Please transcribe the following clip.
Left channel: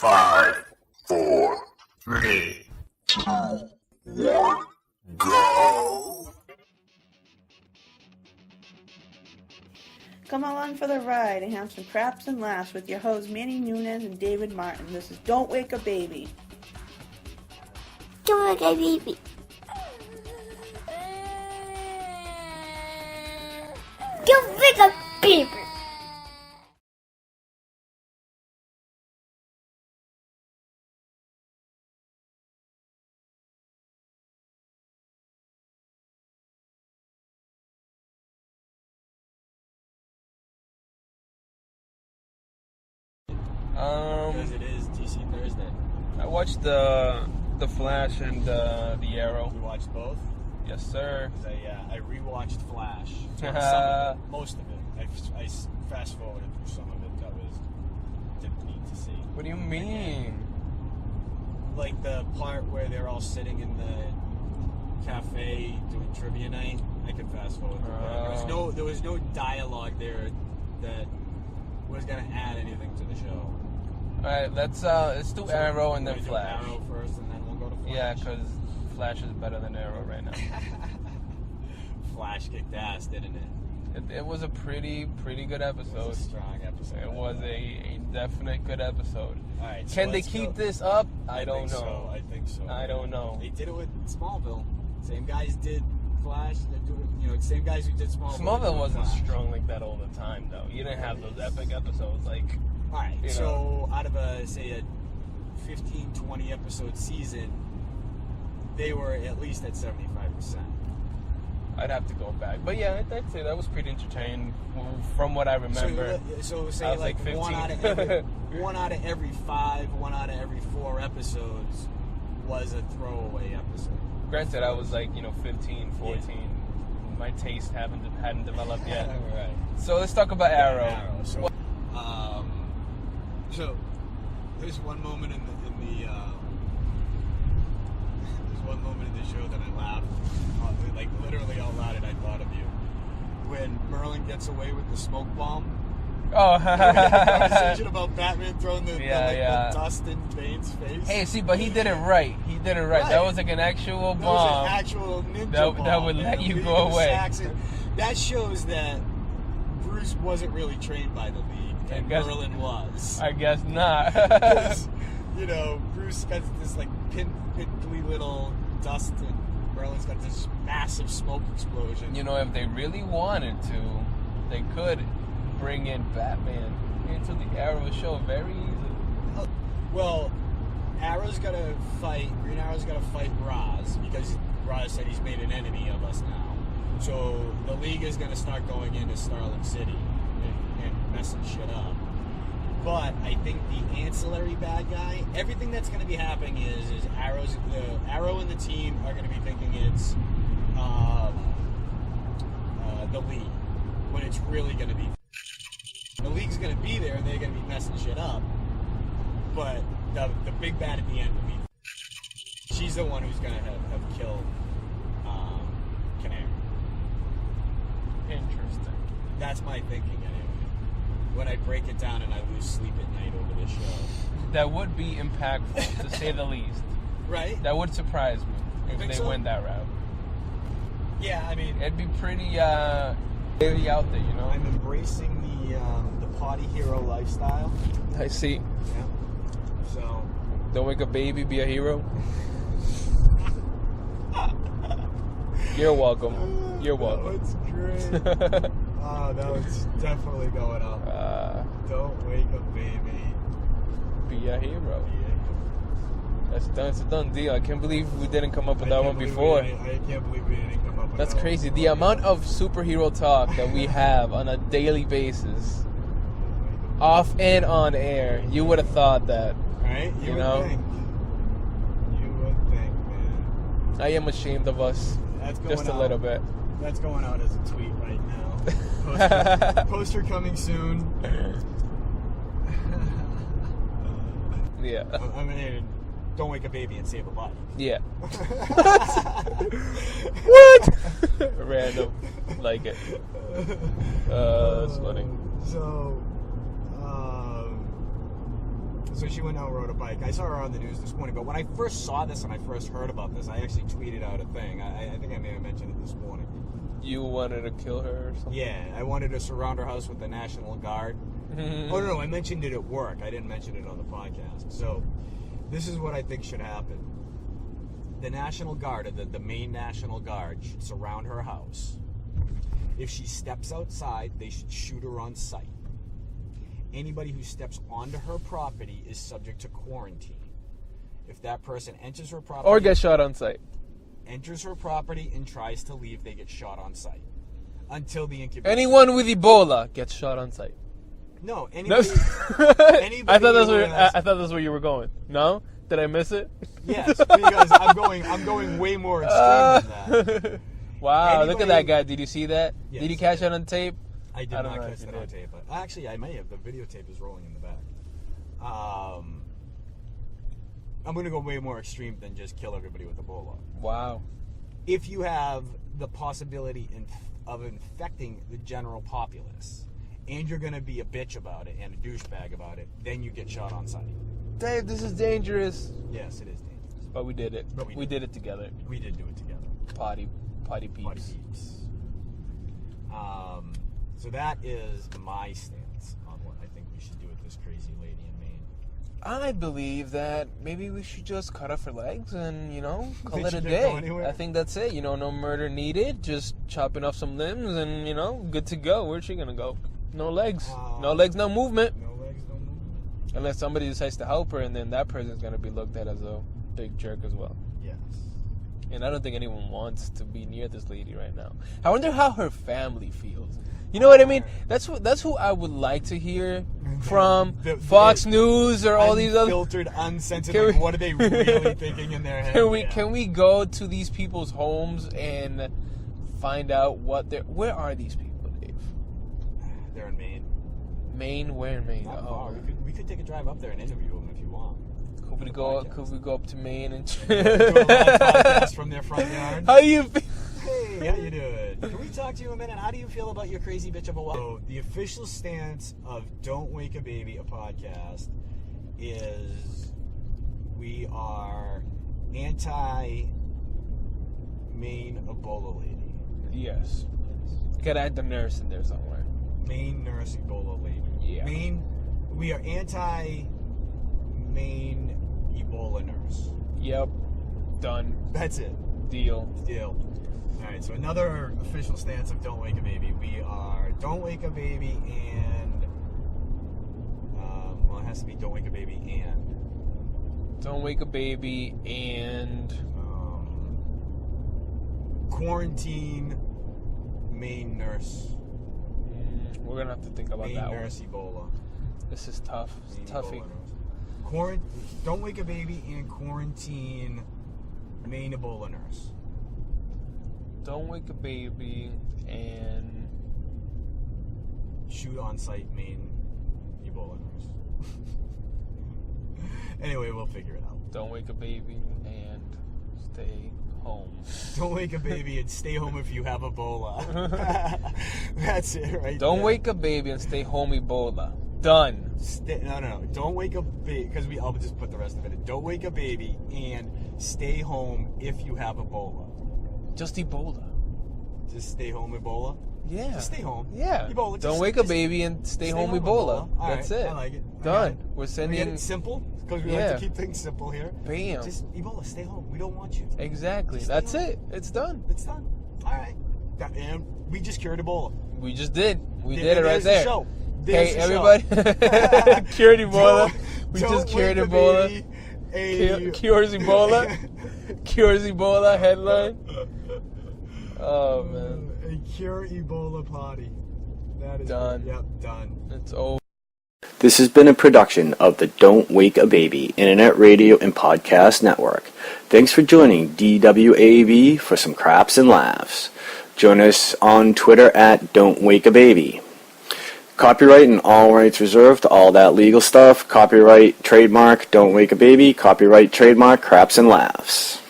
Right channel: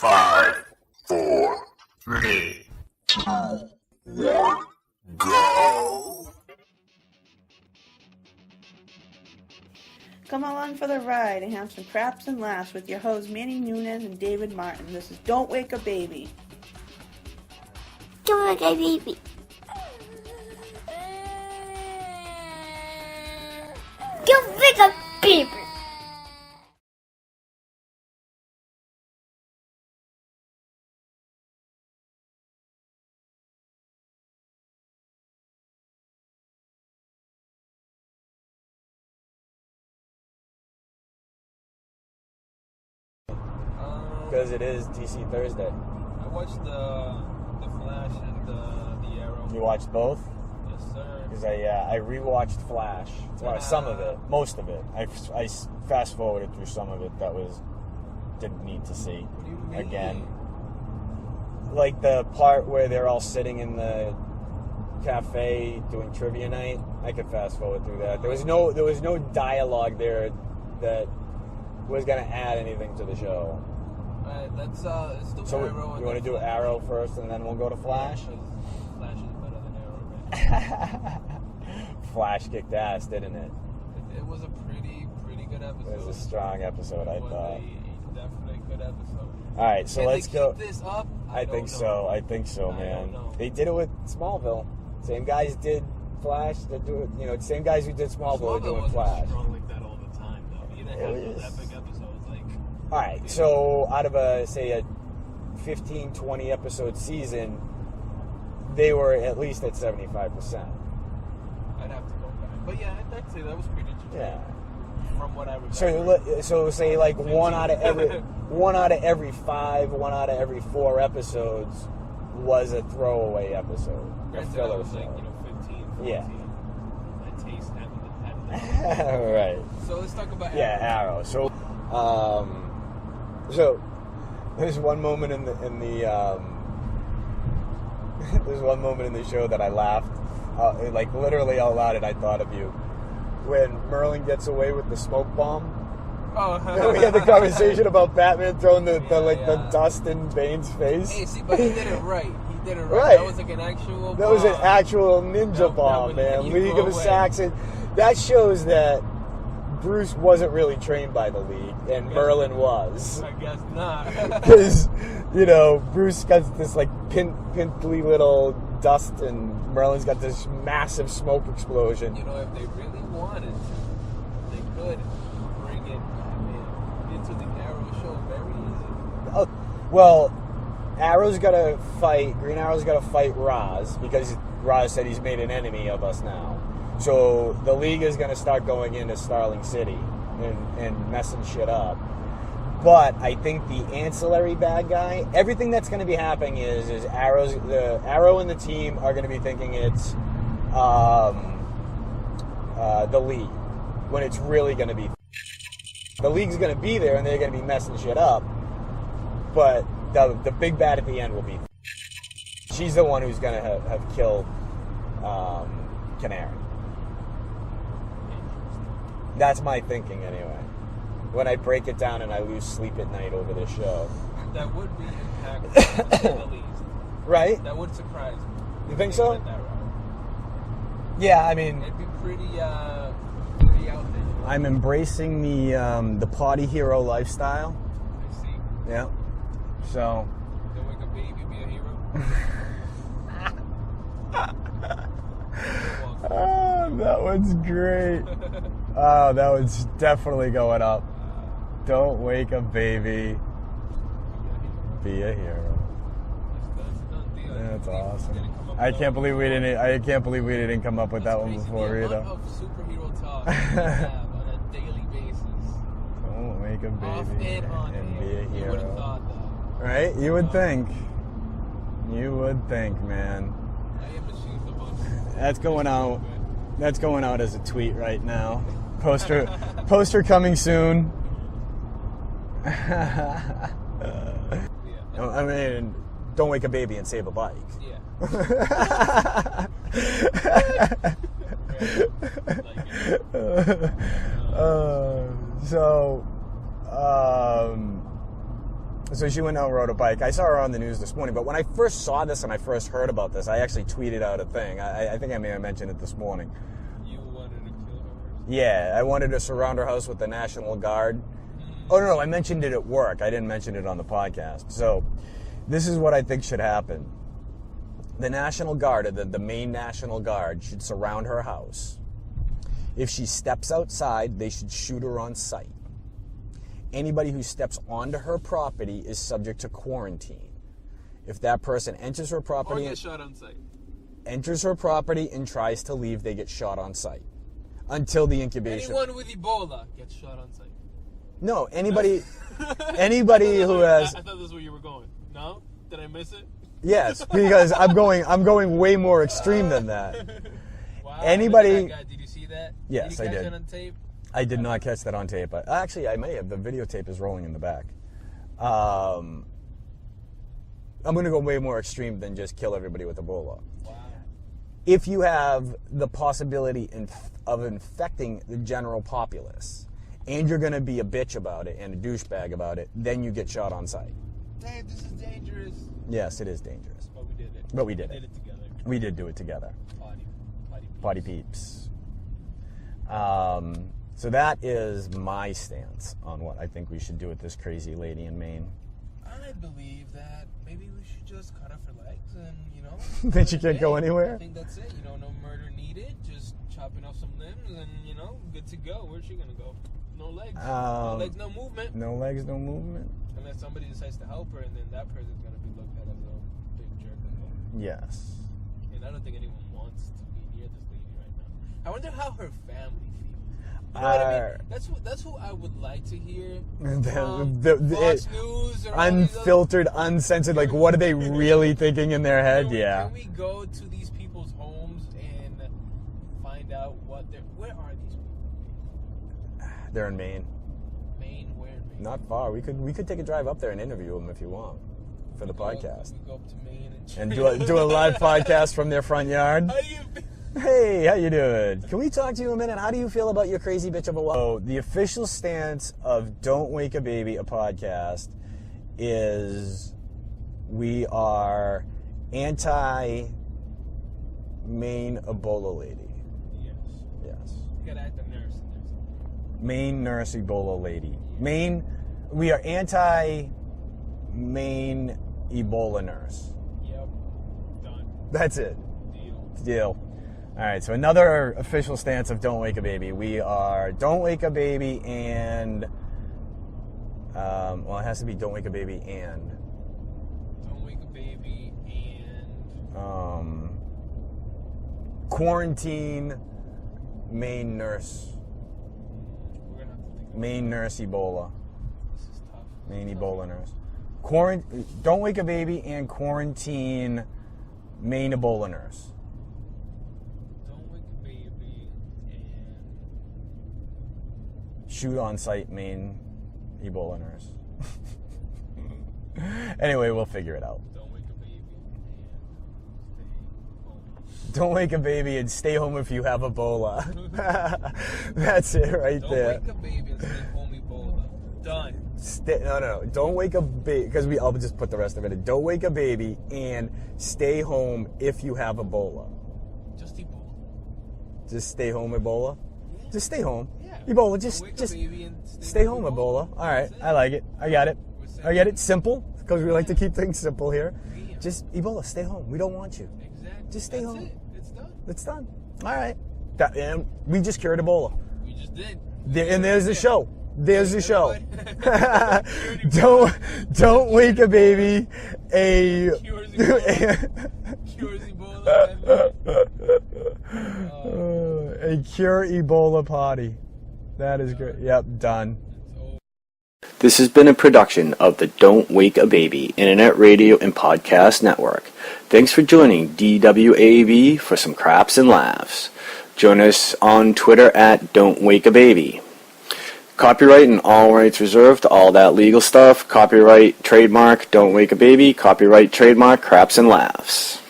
5, 4, 3, 2, 1, go! Come along for the ride and have some craps and laughs with your hosts Manny Nunez and David Martin. This is Don't Wake a Baby. Don't wake a baby. Don't wake a baby. Because it is DC Thursday. I watched the Flash and the Arrow. You watched both? Yes, sir. Because I rewatched Flash. Some of it, most of it. I fast forwarded through some of it that didn't need to see. What do you mean? Again. Like the part where they're all sitting in the cafe doing trivia night. I could fast forward through that. There was no dialogue there that was gonna add anything to the show. All right, let's do Arrow and then Flash. You want to do Flash. Arrow first, and then we'll go to Flash. Yeah, because Flash is better than Arrow right now. Flash kicked ass, didn't it? It was a pretty good episode. It was a strong episode. It was a definite good episode. All right, so can let's they keep this up? I think so. I think so, man. I don't know. They did it with Smallville. Same guys did Flash. They do it. Same guys who did Smallville. Smallville wasn't Flash. strong like that all the time, though. You didn't have those epic episodes like. All right, so out of a 15, 20 episode season, they were at least at 75%. I'd have to go back, but yeah, I'd say that was pretty entertaining from what I remember. So say like 1 out of every 5, 1 out of every 4 episodes was a throwaway episode. Granted, I was 15, 14. Yeah. My taste hadn't developed yet. Right. So let's talk about Arrow. Yeah, Arrow. So there's one moment in the there's one moment in the show that I laughed like literally out loud, and I thought of you when Merlin gets away with the smoke bomb. Oh, we had a conversation about Batman throwing the dust in Bane's face. Hey, see, but he did it right. Right. That was like an actual bomb. That was an actual ninja bomb, that would man. let you League go of away. Saxon. That shows that Bruce wasn't really trained by the League, and Merlin was. I guess not. Because, Bruce got this, pimply little dust, and Merlin's got this massive smoke explosion. If they really wanted to, they could bring in Batman into the Arrow show very easy. Oh, well, Green Arrow's got to fight Ra's, because Ra's said he's made an enemy of us now. So the League is going to start going into Starling City and messing shit up. But I think the ancillary bad guy, everything that's going to be happening is Arrow and the team are going to be thinking it's the League, when it's really going to be the League's going to be there, and they're going to be messing shit up. But the big bad at the end will be she's the one who's going to have killed Canary. Interesting. That's my thinking anyway. When I break it down and I lose sleep at night over this show. That would be impactful, to say the least. Right? That would surprise me. You if think they so? went that route. Yeah, I mean, it'd be pretty out there, I'm embracing the Pody Hero lifestyle. I see. Yeah. So, don't wake a baby, be a hero. You're welcome. You're welcome. That one's great. Oh, that one's definitely going up. Don't wake a baby. Be a hero. Be a hero. That's done. It's a done deal. I can't believe we didn't come up with I that can't one believe before. I can't believe we didn't come up with that one. That's crazy. Before The amount either. of superhero talk that we have on a daily basis, Don't wake a baby. off and on air. You would have thought that. Right? You would think. You would think, man. I am ashamed of us. That's going just a out. little bit. That's going out as a tweet right now. Poster coming soon. Yeah. I mean, don't wake a baby and save a bike. Yeah. What? Random. Like it. That's funny. So, So she went out and rode a bike. I saw her on the news this morning, but when I first saw this and I first heard about this, I actually tweeted out a thing. I think I may have mentioned it this morning. You wanted to kill her or something? Yeah, I wanted to surround her house with the National Guard. Oh, no, I mentioned it at work. I didn't mention it on the podcast. So this is what I think should happen. The National Guard, the Maine National Guard, should surround her house. If she steps outside, they should shoot her on sight. Anybody who steps onto her property is subject to quarantine. If that person enters her property... Or get shot on sight. Enters her property and tries to leave, they get shot on sight. Until the incubation. Anyone with Ebola gets shot on sight. No, anybody... anybody I thought that's where you were going. No? Did I miss it? Yes, because I'm going way more extreme than that. Wow, look at that guy. Did you see that? Yes, did you catch it on tape? I did not catch that on tape. Actually, I may have. The videotape is rolling in the back. I'm going to go way more extreme than just kill everybody with Ebola. Wow. If you have the possibility of infecting the general populace, and you're going to be a bitch about it and a douchebag about it, then you get shot on sight. Dave, this is dangerous. Yes, it is dangerous. But we did it. But we did it together. We did do it together. Potty peeps. Potty peeps. So that is my stance on what I think we should do with this crazy lady in Maine. I believe that maybe we should just cut off her legs and, call Then it she a can't day. go anywhere? I think that's it. No murder needed. Just chopping off some limbs and, good to go. Where's she going to go? No legs. No legs, no movement. No legs, no movement. Unless somebody decides to help her, and then that person's going to be looked at as a big jerk as well. Yes. And I don't think anyone wants to be near this lady right now. I wonder how her family feels. You know what I mean? That's who I would like to hear from Fox News or all these other... Unfiltered, uncensored, what are they really thinking in their head? Can we go to these people's homes and find out where are these people, Dave? They're in Maine. Maine? Where in Maine? Not far. We could take a drive up there and interview them if you want. Could we go up to Maine and do a live podcast from their front yard? How do you feel? Hey, how you doing? Can we talk to you a minute? How do you feel about your crazy bitch of a wife? So the official stance of Don't Wake a Baby, a podcast, is we are anti-Maine Ebola lady. Yes. Yes. You gotta add the nurse in there somewhere. Maine nurse Ebola lady. Yeah. We are anti-Maine Ebola nurse. Yep. Done. That's it. Deal. All right, so another official stance of Don't Wake a Baby. We are Don't Wake a Baby and, it has to be Don't Wake a Baby and. Don't Wake a Baby and... Quarantine Maine nurse. We're going to have to think about Maine that nurse Ebola. This is tough. Maine Ebola nurse. Don't Wake a Baby and quarantine Maine Ebola nurse. Don't Wake a Baby and... Shoot on sight Maine Ebola nurse. Anyway, we'll figure it out. Don't Wake a Baby and stay home. Don't wake a baby and stay home if you have Ebola. That's it right Don't there. wake a baby and stay home Ebola. Done. No. Don't wake a baby, because I'll just put the rest of it in. Don't wake a baby and stay home if you have Ebola. Just Ebola. Just stay home Ebola? Yeah. Just stay home. Yeah. Ebola. Just, Don't wake a baby and stay home Ebola. All right. That's it. I like it. I got it. I get it. Simple, because we like to keep things simple here. Bam. Just Ebola, stay home. We don't want you. Exactly. That's it. It's done. It's done. All right. And we just cured Ebola. We just did. And there's the show. There's the show. Cured Ebola. Don't wake a baby. Cures Ebola. Cures Ebola headline. Oh, man. A cure Ebola potty. That is Done. great. Yep, done. It's over. This has been a production of the Don't Wake a Baby Internet Radio and Podcast Network. Thanks for joining DWAB for some Craps and Laughs. Join us on Twitter at Don't Wake a Baby. Copyright and all rights reserved, all that legal stuff. Copyright, trademark, Don't Wake a Baby. Copyright, trademark, Craps and Laughs.